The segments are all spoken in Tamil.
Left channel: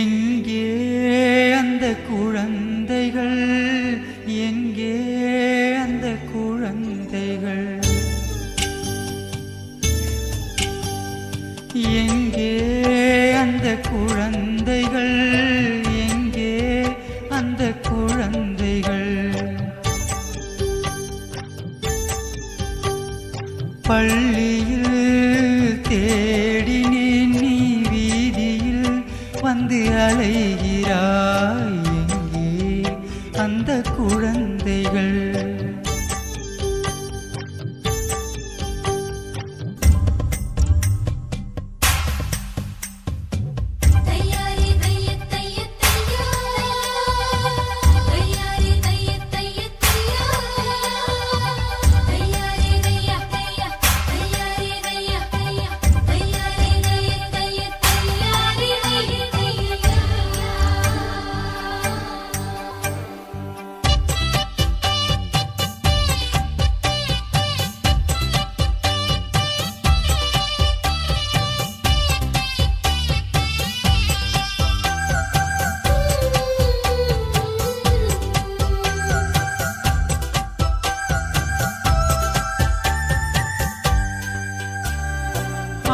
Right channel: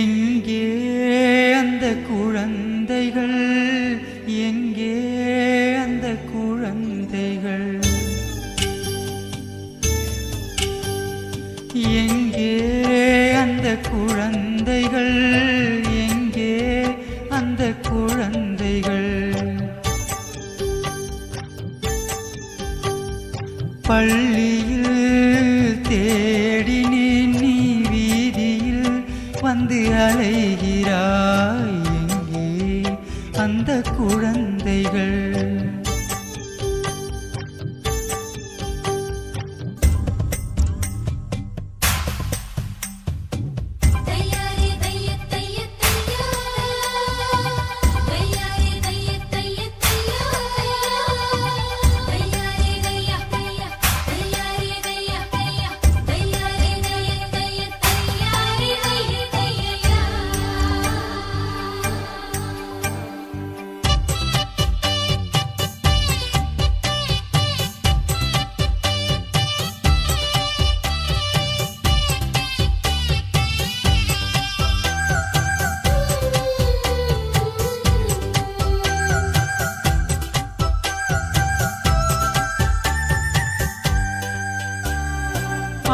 எங்கே அந்த குழந்தைகள், எங்கே அந்த குழந்தைகள், எங்கே அந்த குழந்தைகள், எங்கே அந்த குழந்தைகள். பள்ளியில் தேடினேன், நீ வீதியில் வந்து அலைகிறாய். எங்கே அந்த குழந்தைகள்?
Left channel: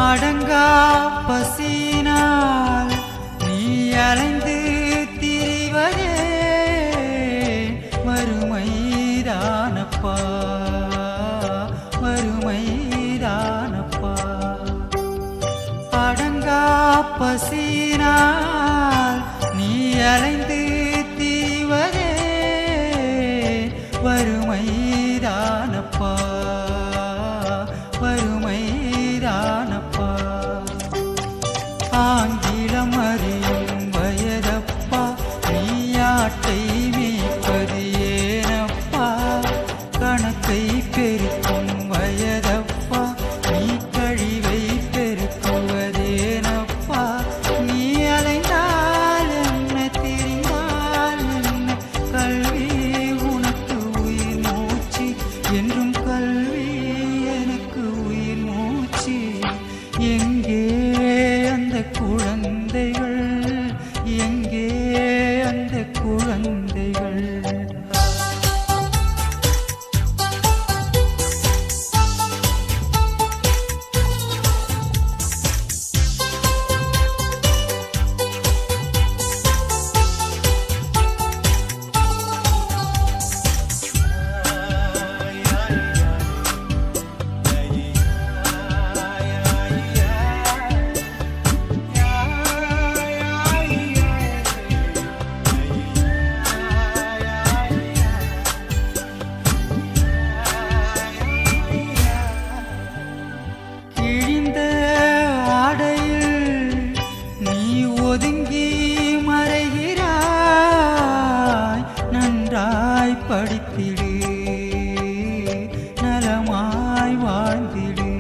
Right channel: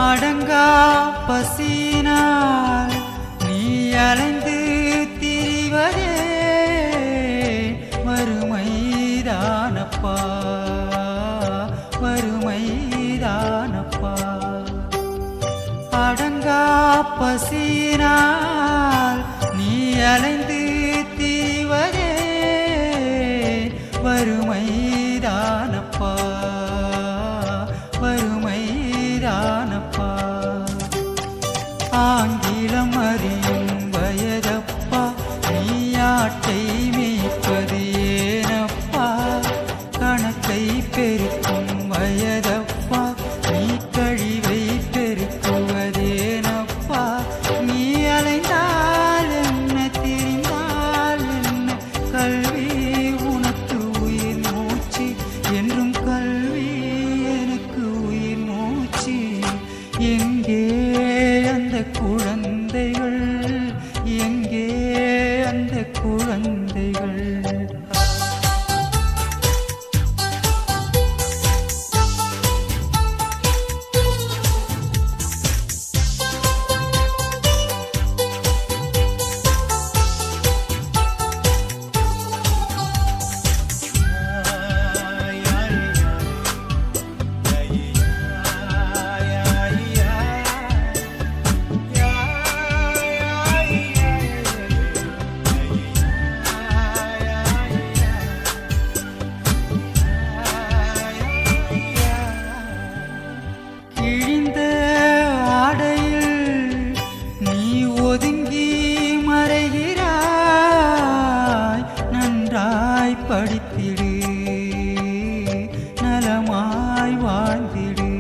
அடங்கா பசியினால் நீ அலைந்து திரிவதே வறுமைதானப்பா, வறுமைதானப்பா. அடங்கா பசியினால் நீ அலைந்து திரிவதே வறுமைதானப்பா, வறுமைதானப்பா. ஆங்கிலம் அறியும் வயதப்பா, நீ ஆட்டை மேய்ப்பது ஏனப்பா? கணக்கை பெருக்கும் வயதப்பா, நீ கழிவை பெருக்குவதேனப்பா? நீ அலைந்தால் என்ன, திரிந்தால் என்ன, கல்வி உனக்கு உயிர் மூச்சு, என்றும் கல்வி எனக்கு உயிர் மூச்சு. எங்கே அந்த குழந்தைகள், எங்கே அந்த குழந்தைகள்? கிழிந்த ஆடையில் நீ ஒதுங்கி மறைகிறாய். நன்றாய் படித்திடு, நலமாய் வாழ்ந்திடு.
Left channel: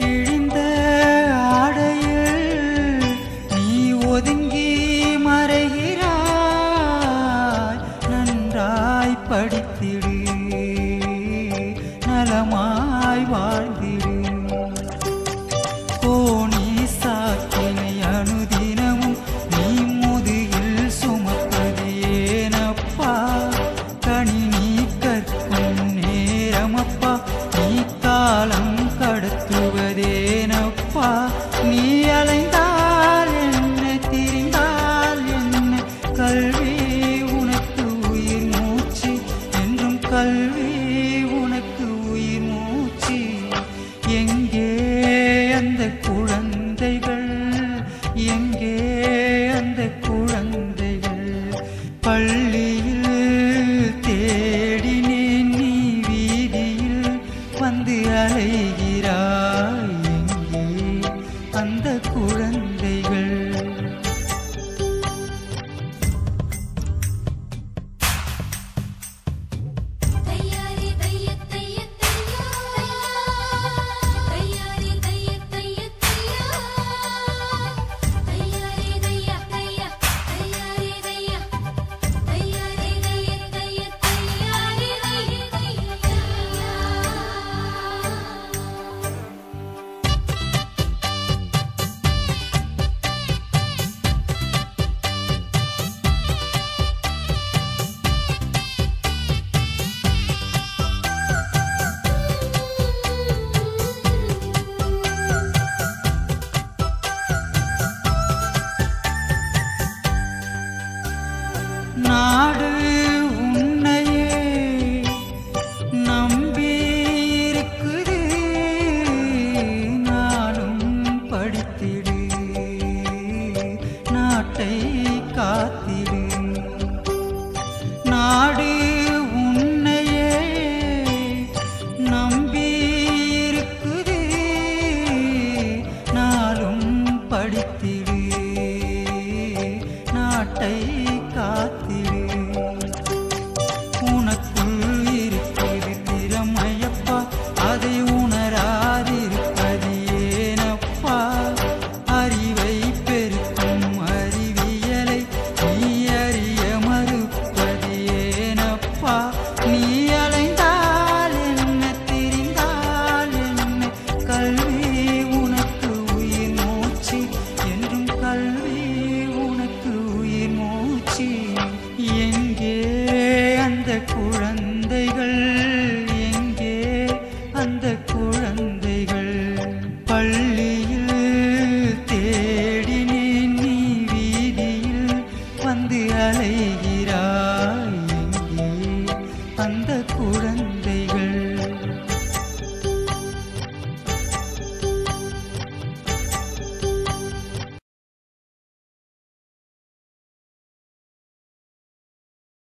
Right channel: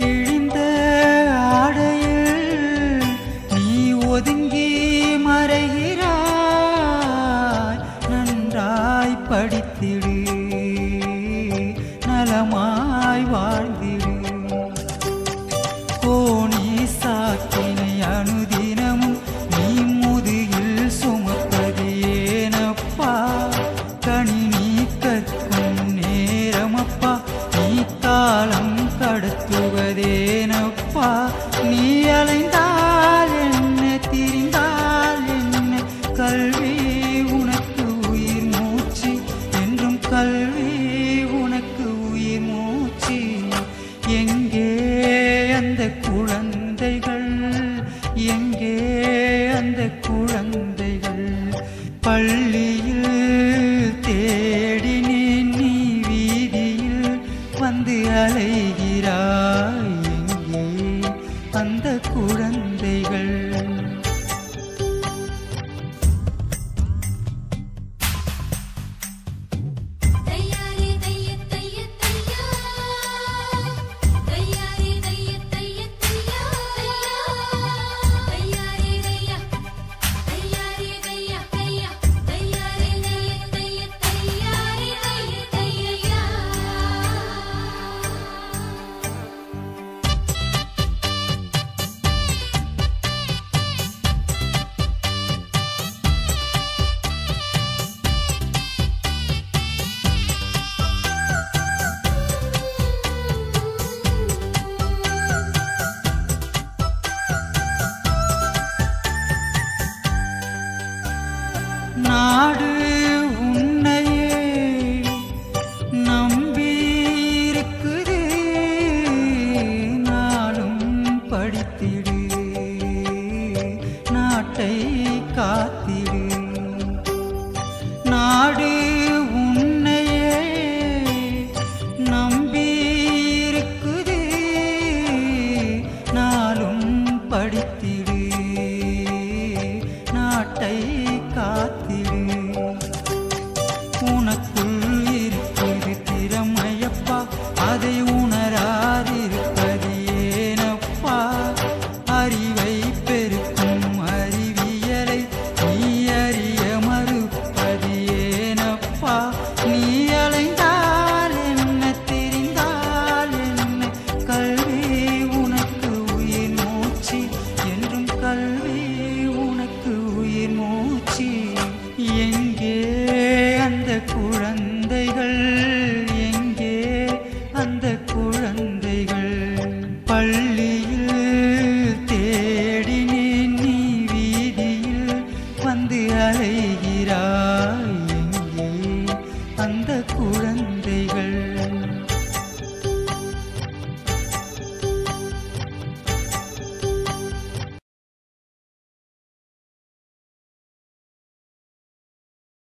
கிழிந்த ஆடையில் நீ ஒதுங்கி மறைகிறாய். நன்றாய் படித்திடு, நலமாய் வாழ்ந்திடு. கோணி சாக்கினை அனுதினமும் நீ முதுகில் சுமப்பது ஏனப்பா? கணினி கற்கும் நேரமப்பா, நீ காலம் கடத்துவதேனப்பா? நீ அலைந்தால் என்ன, திரிந்தால் என்ன, கல்வி உனக்கு உயிர் மூச்சு, என்றும் கல்வி உனக்கு உயிர் மூச்சு. எங்கே அந்த குழந்தைகள், எங்கே அந்த குழந்தைகள்? பள்ளியில் தேடினேன், நீ வீதியில் வந்து அலைகிறாய். எங்கே அந்த குழந்தைகள்? நாடு உன்னையே நம்பியிருக்குது, நாளும் படித்திடு, நாட்டை காத்திடு. நாடு உன்னையே நம்பியிருக்குது, நாளும் படித்திடு, நாட்டை காத்திடு. உனக்குள் இருக்குது திறமையப்பா, அதை உணராதிருப்பது ஏனப்பா? அறிவை பெருக்கும் அறிவியலை நீ அறிய மறுப்பது ஏனப்பா? நீ அலைந்தால் என்ன, திரிந்தால் என்ன, கல்வி உனக்கு உயிர் மூச்சு, என்றும் கல்வி உனக்கு உயிர் மூச்சு. எங்கே அந்த குழந்தைகள், எங்கே அந்த குழந்தைகள்? பள்ளியில் தேடினேன், நீ வீதியில் வந்து அலைகிறாய், எங்கே அந்த குழந்தைகள்?